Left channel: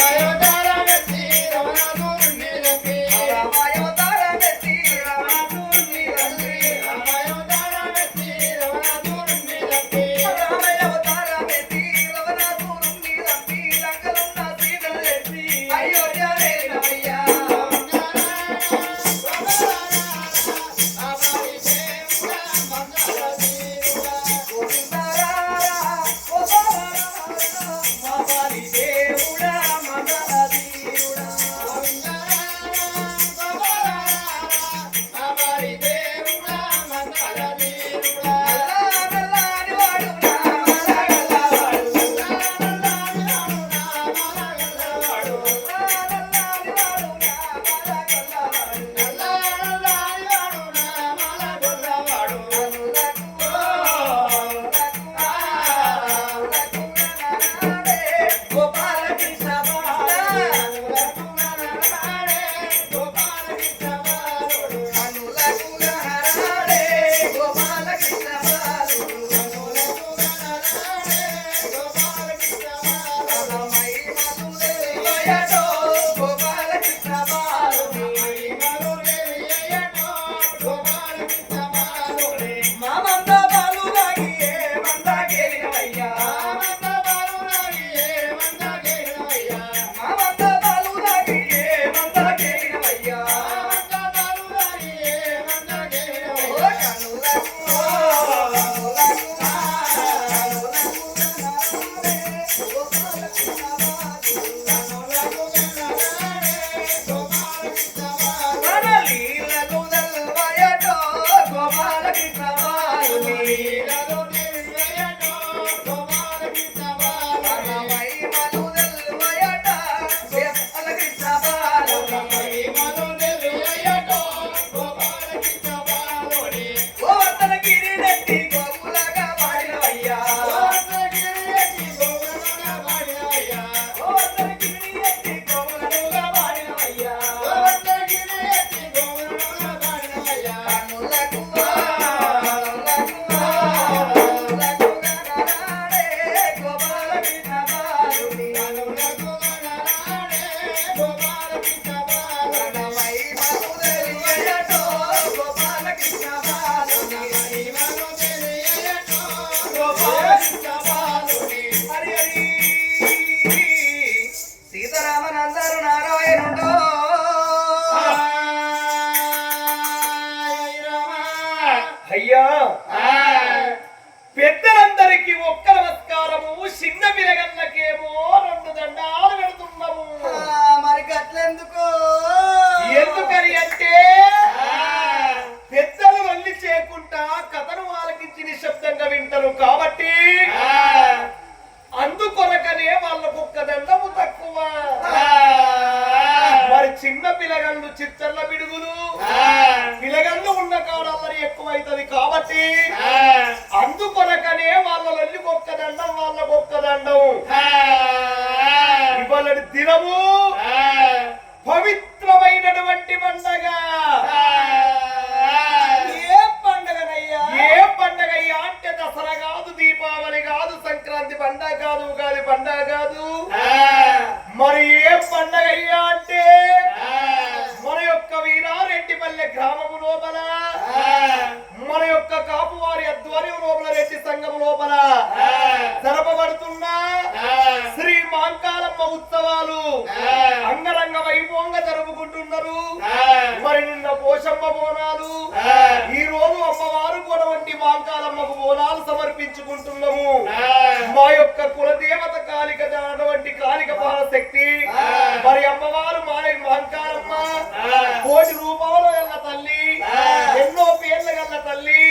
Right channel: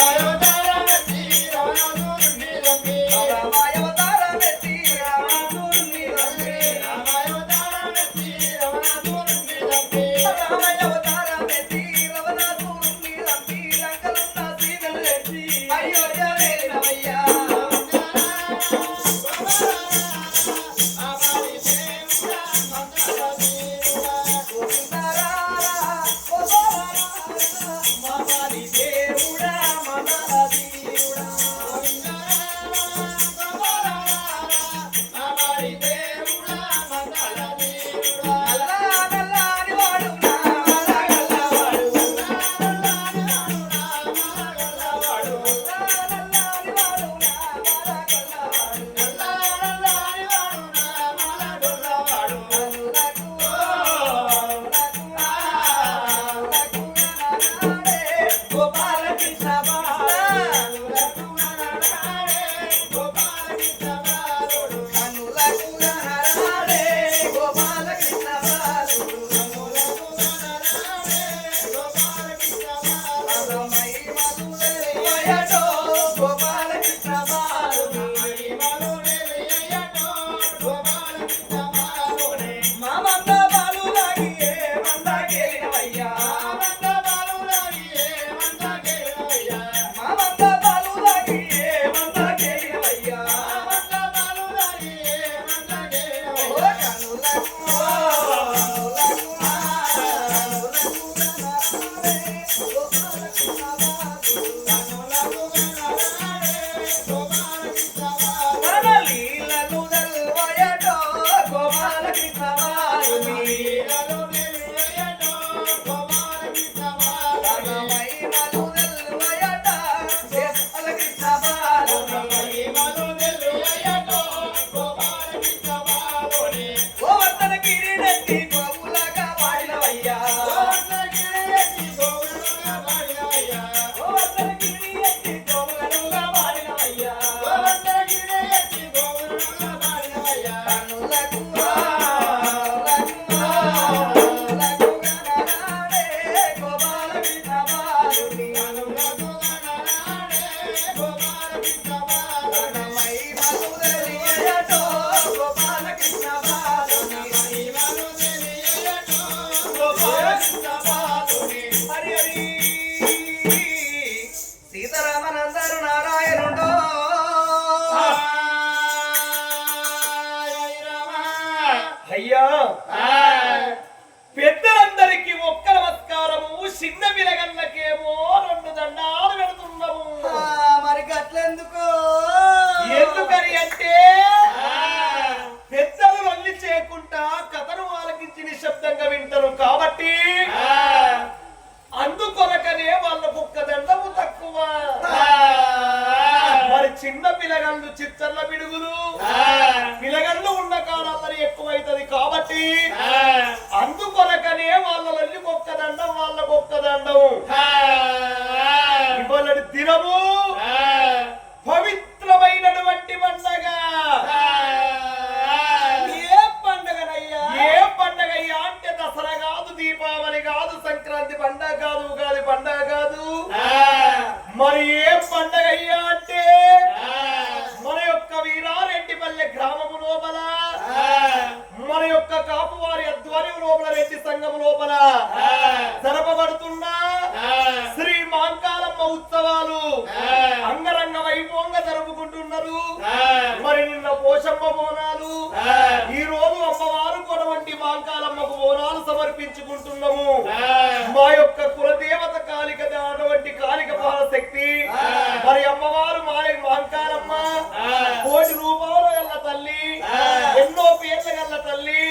Yeah. చిన్న పిల్లగాళ్ళు చిత్తర్ల పిడుగులు. పిల్లగాళ్ళు ఉన్న కాడల్లరి ఎక్కువైతది కాబట్టి అందుకొరకనే వాళ్ళ లొల్లి ఒక్క దండం వాళ్ళకు ఒక్క దండం ఇవాళ దినము. పవిత్రమైనటువంటి పండగ. ఏ పండగనయ్యా? ఏ పండగ అయ్యా అంటే దసరా కాదు దీపావళి కాదు సంక్రాంతి పండగ కాదు ఉగాది పండగ కాదు. మరి ఏ పండగ అయ్యా అంటే మన యొక్క వీరారెడ్డిపల్లె గ్రామము లోపల. మన యొక్క కాపువారి అధ్వర్యం లోపల రెడ్డి సంఘం లోపల. జరపబడుతున్న శ్రీ మాంకాలమ్మ ఉత్సవాలు అంగరంగ వైభవంగా జరుపుకుంటున్నారు. మరి నిన్న పోషమ్మ బోనాలు. ఈ రోజు అమ్మవారు కొనవంటి మాంకాలమ్మకు బోనాలు సమర్పించుకుంటున్నాము. మా యొక్క కులదేవత కాలిక అటువంటి కాలిక శక్తి మరి అమ్మవారు మా మాంకాలమ్మ కోటి రూపాయలు గల్ల తల్లి ఎన్నో పేర్ల గల్ల తల్లి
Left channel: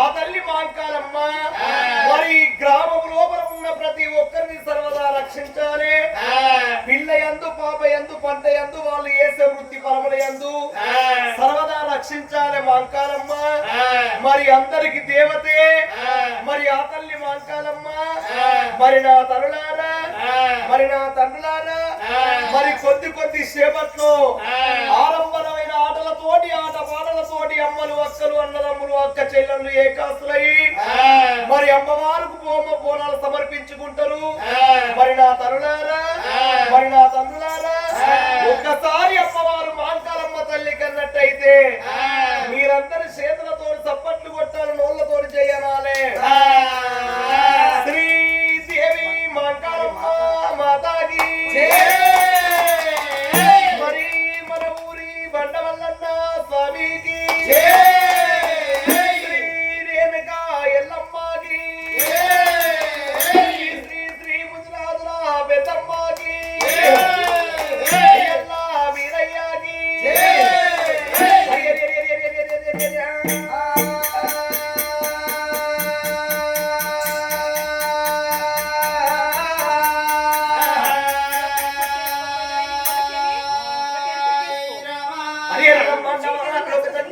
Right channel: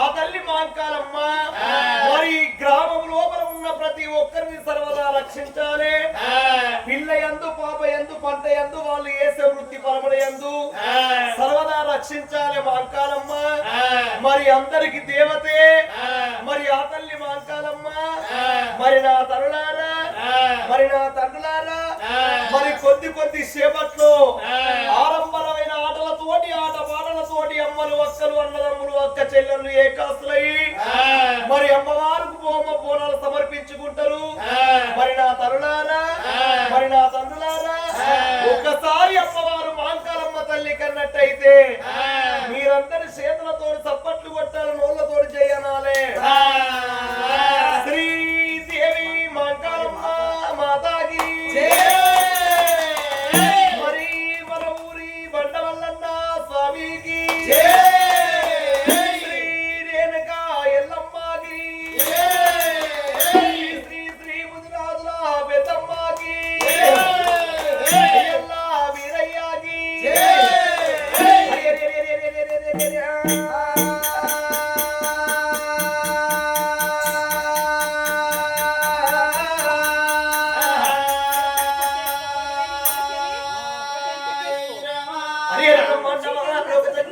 ఆ తల్లి మాంకాలమ్మ మరి గ్రామం లోపల ఉన్న ప్రతి ఒక్కరిని సర్వదా రక్షించాలి. పిల్ల ఎందు పాప ఎందు పంట ఎందు వాళ్ళు వేసే వృత్తి పరమల ఎందు సర్వదా రక్షించాలి మాంకాలమ్మ మరి అందరికి దేవతే. మరి ఆ తల్లి మాంకాలమ్మ మరి నా తరులారా. మరి నా తండ్రులారా. మరి కొద్ది కొద్ది సేపట్లో ఆరంభమైన అక్కలు అన్నదమ్ములు అక్క చెల్లెలు ఏకాస్తులయ్యి. మరి అమ్మవారికి బొమ్మ బోనాలు సమర్పించుకుంటారు. మరి నా తరులారా మరి నా తండ్రులారా ఒక్కసారి అమ్మవారు మాంకాలమ్మ తల్లి కన్నట్టయితే మీరందరి చేతులతో చప్పట్లు కొట్టాలి నోళ్ళతో చేయనాలే.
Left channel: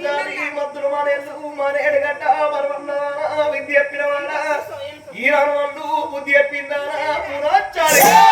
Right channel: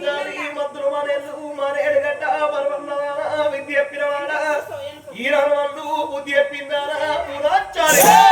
అన్నాడు ఈ మద్దులు బుద్ధి చెప్పిందారా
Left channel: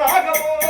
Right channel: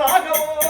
రాఘవో.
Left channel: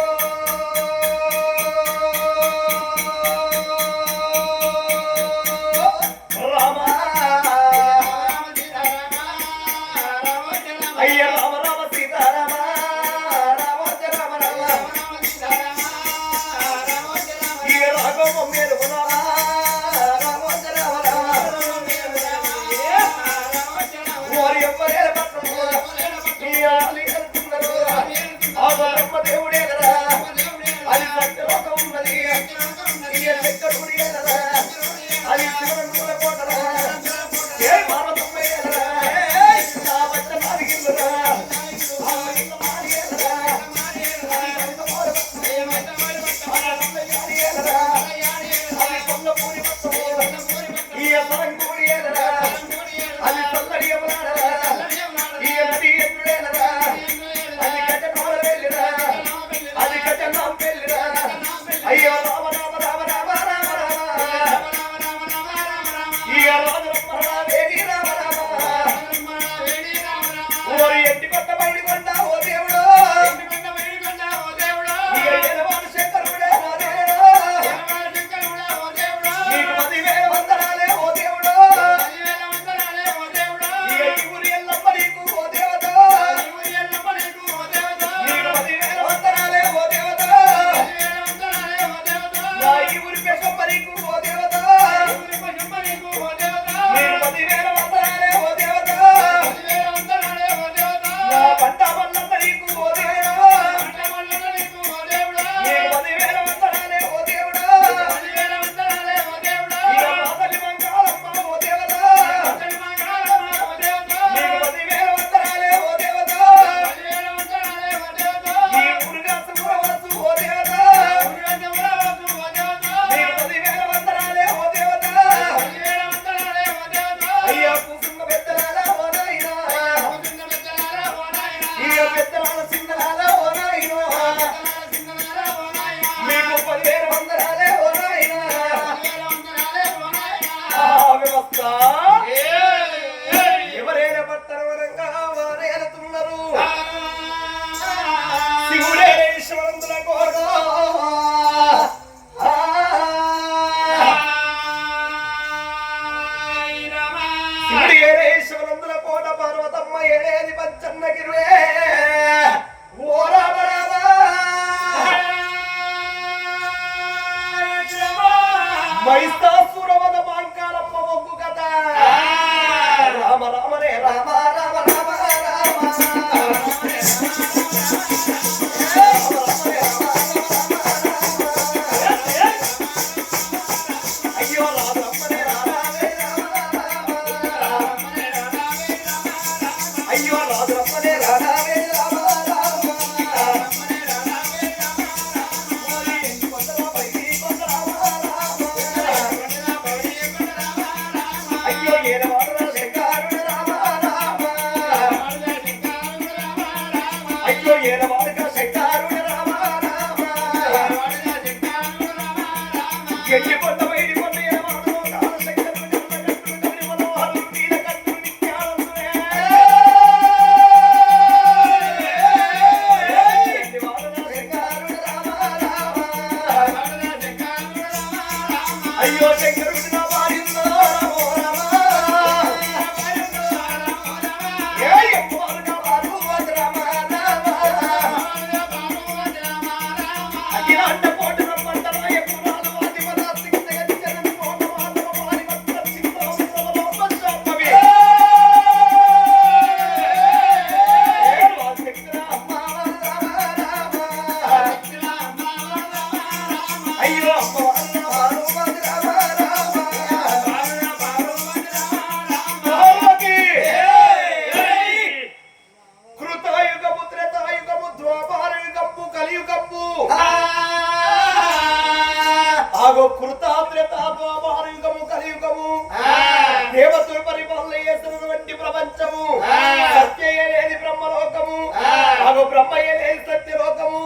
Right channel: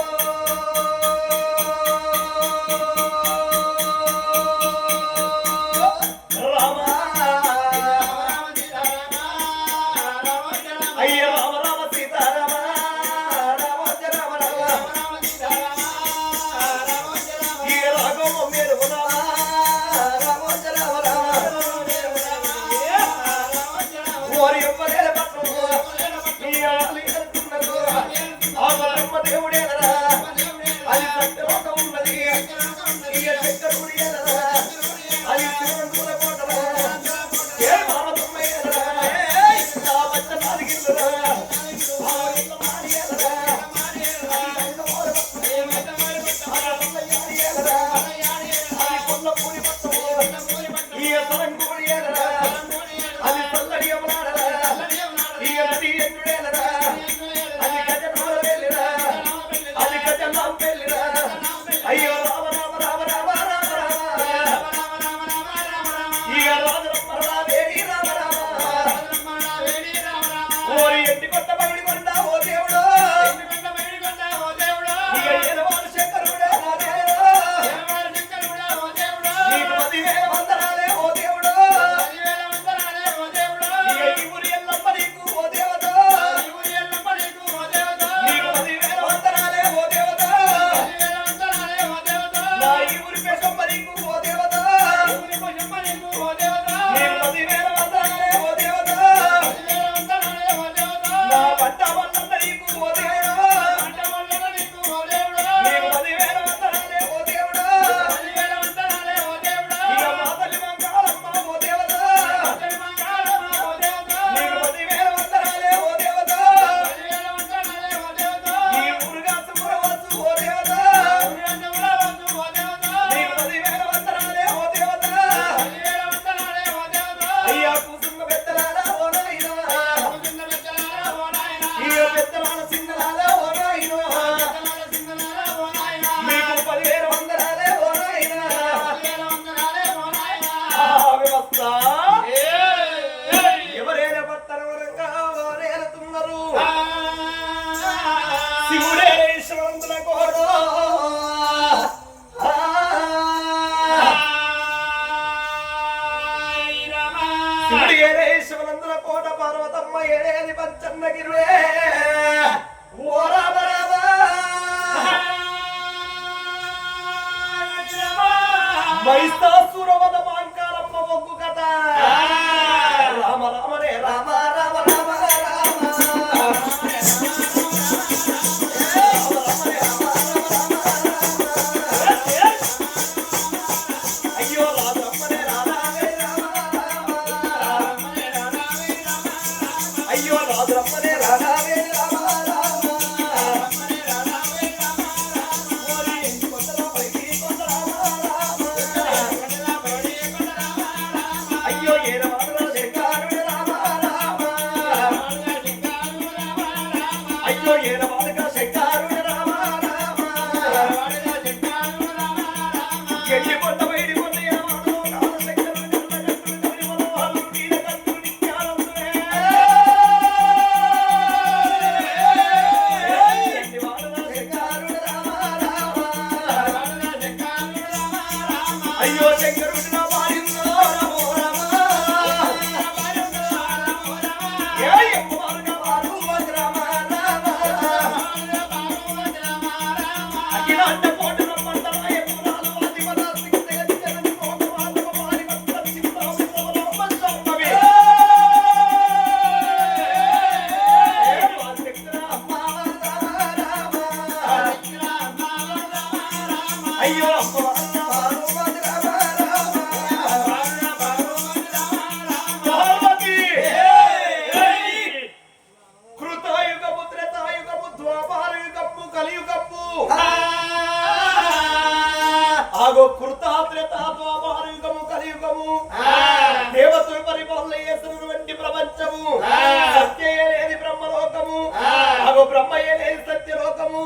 బ్రహ్మయ్యలే సత్యలోకము.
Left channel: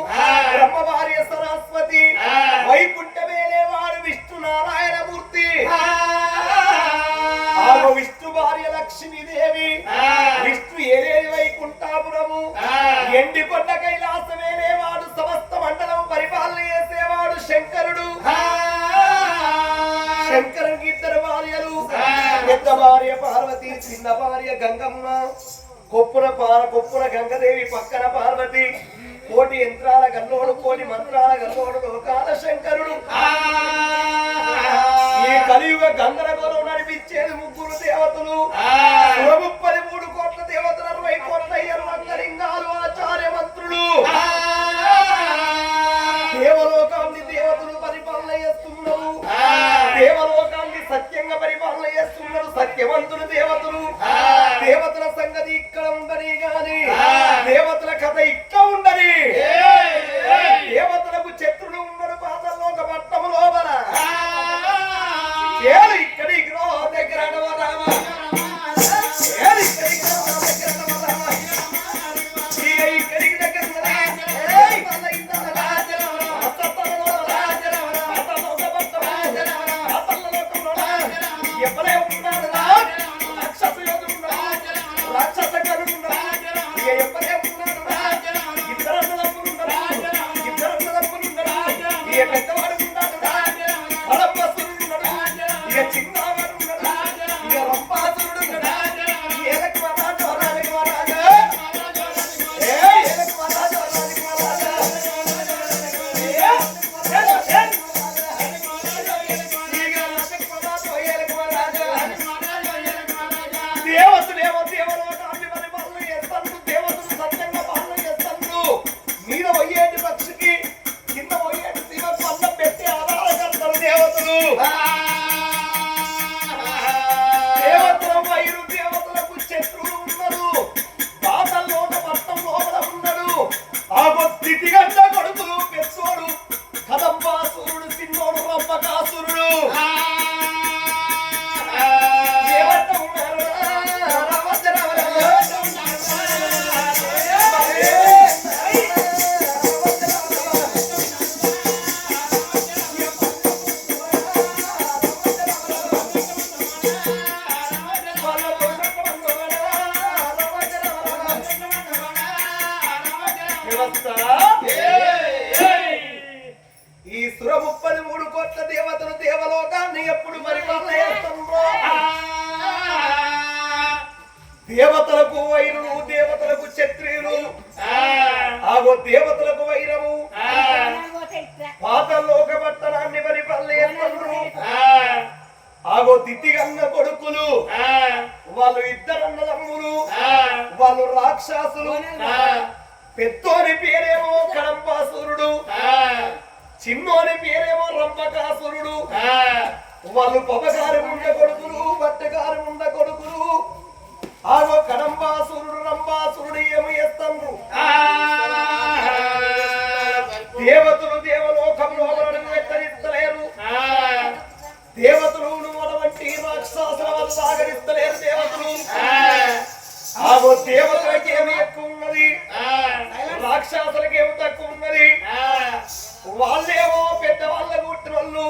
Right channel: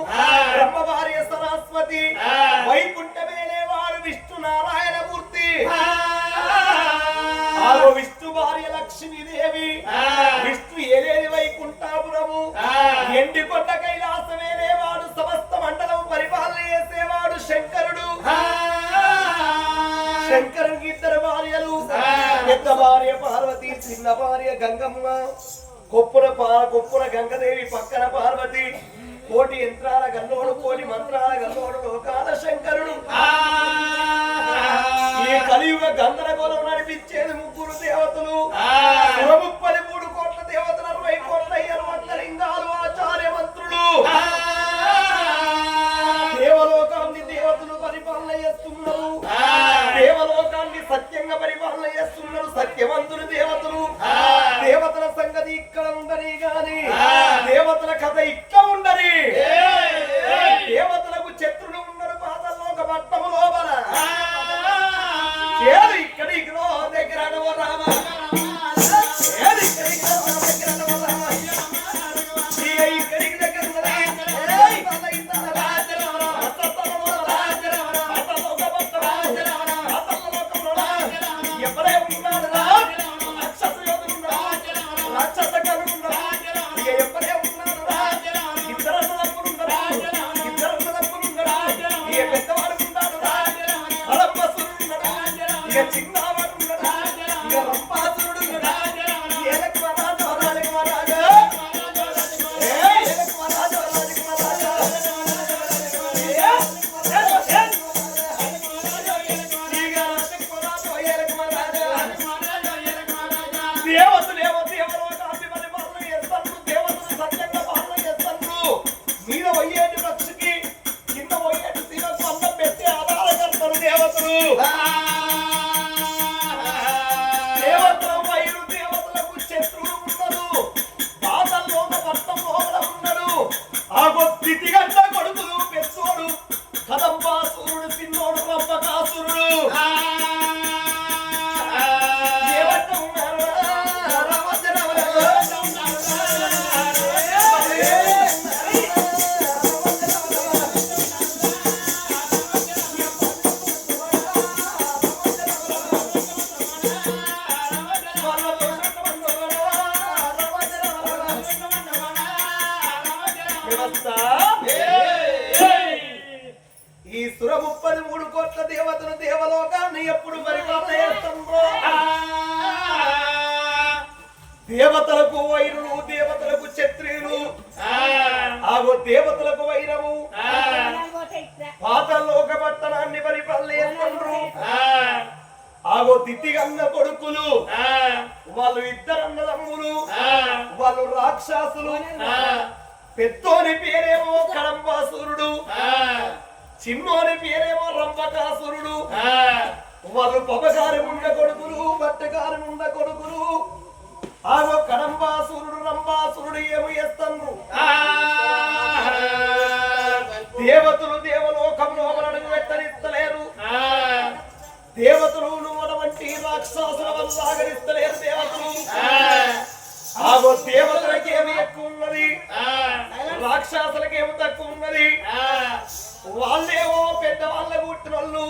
బ్రహ్మ భార్య సరస్వతి. వైకుంఠమేలే వారు విష్ణు నారాయణమూర్తి విష్ణు భార్య లక్ష్మీదేవి. విష్ణు ఏలేని వైకుంఠాపురము. ఎండికొండ కైలాసమేలే వాడు సమస్త మండలం పరిపాలన చేసేవాడు శంకరుడు. శంకరునికి ఇద్దరు భార్యలు. పెద్ద భార్య పార్వతి చిన్న భార్య గంగమ్మ. కొప్పున పార కొప్పున గంగదేవి పక్కన పార యంత్రాల గల్లోడు కోటి మంత్రాల గల్లోడు Thank you. దేవతలకు వైరులు దేవతలకు క్షత్రియులు. ఆగో దేవతలకు వైరము. పాత లోక పట్టణాన్ని పరిపాలనేస్తున్నారు ఆగో దితిగంగ కొడుకులు. వాళ్ళు ఇద్దరన్నదమ్ములు వాళ్ళు రాక్షసులు. పెద్దోని పేరేమో కడంబాసురుడు. చిన్నోని పేరేమో రంభకాసురుడు. వాళ్ళు పొగగారు ఉండ కొడుకులు బట్టగారు ఉండ కొడుకులు. ఆగో కడంబాసురుడు రంబాసురుడు ఏమి చేస్తాండ్రు దేవతలు దేవలోకంలో మనను వెత్తరిస్తలేరు దేవతలు అటువంటి రాక్షసుల వల్ల సాగరిస్తలేరు దేవతలు. ఆగో దేవతలకి ఏమి ఎక్కువ ఉన్నది? రాక్షసులకి ఏమి తక్కువ ఉన్నది? వాళ్ళేమో పెద్ద వాళ్ళ పుట్టినోళ్ళు.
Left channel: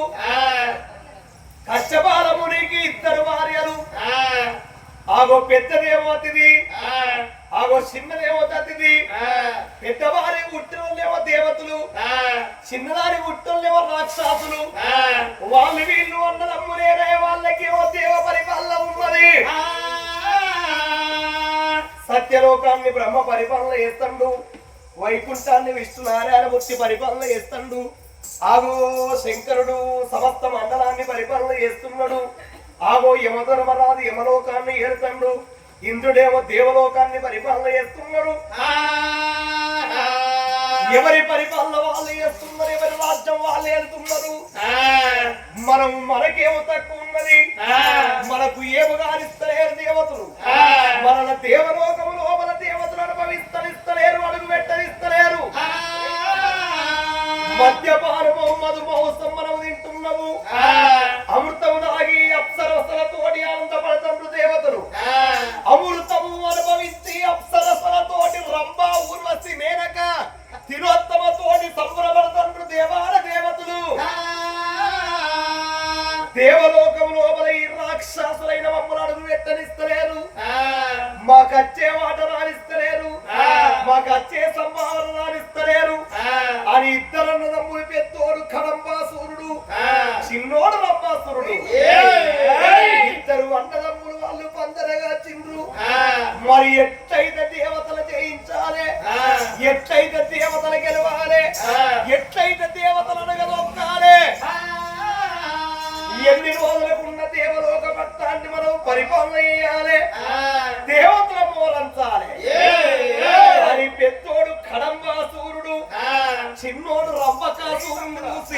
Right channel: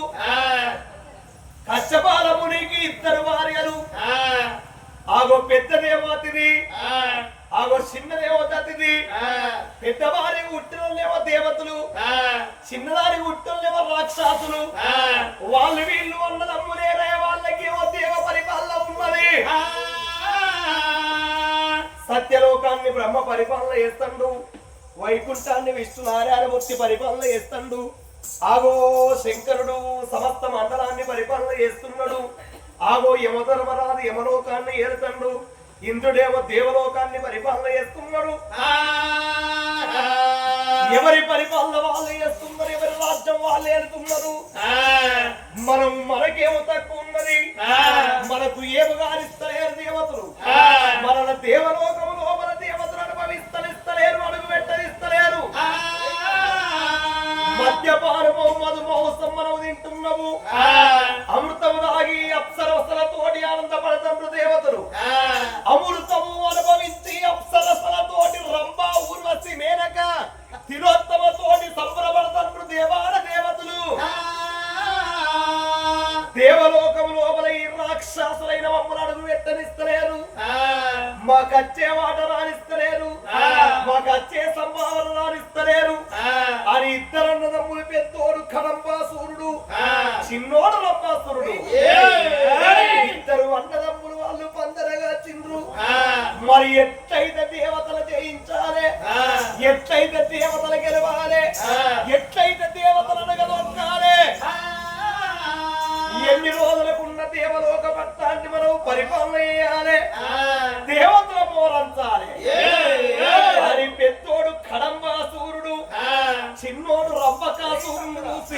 కష్టపాలమునికి ఇద్దరు భార్యలు. ఆగో పెద్దదేమో అతిథి ఆగో చిన్నదేమో అతిథి పెద్ద భార్య పుట్టినోళ్ళేమో దేవతలు. చిన్నదాని పుట్టినోళ్ళేమో రాక్షసులు. వాళ్ళు వీళ్ళు అన్నదమ్ములేరే వాళ్ళకేమో దేవ పరిపాలన ఉన్నది. సత్యలోకాన్ని బ్రహ్మ పరిపాలన చేస్తాడు. వైకుంఠాన్ని విష్ణునారాయణ మూర్తి పరిపాలన చేస్తాడు. ఆగో శంకరుడు సమస్త మండలాన్ని పరిపాలన చేస్తున్నాడు. ఆగో యమధర్మరాజు యమలోకాన్ని ఏరుతాడు. ఇంద్రుడేమో దేవలోకాన్ని పరిపాలన చేస్తున్నాడు ఎవరి పరిపాలన వాళ్ళు చేస్తున్నారు ఎవరి రాజ్యం వాళ్ళు ఏడుతున్నారు మనం మనకేమో తక్కువ ఉన్నది. మనకు ఏమగానిస్తలేరు దేవతలు. మన దేవలోకములో మన దేవతలు అనుభవిస్తనిస్తలేరు అడుగు పెట్టనిస్తలేరు మద్యపానము మధుమహోత్సవం మనం తింటున్నాము. మాకచ్చే మాట రానిస్తలేరు మాకచ్చే సంభావన ดูสิ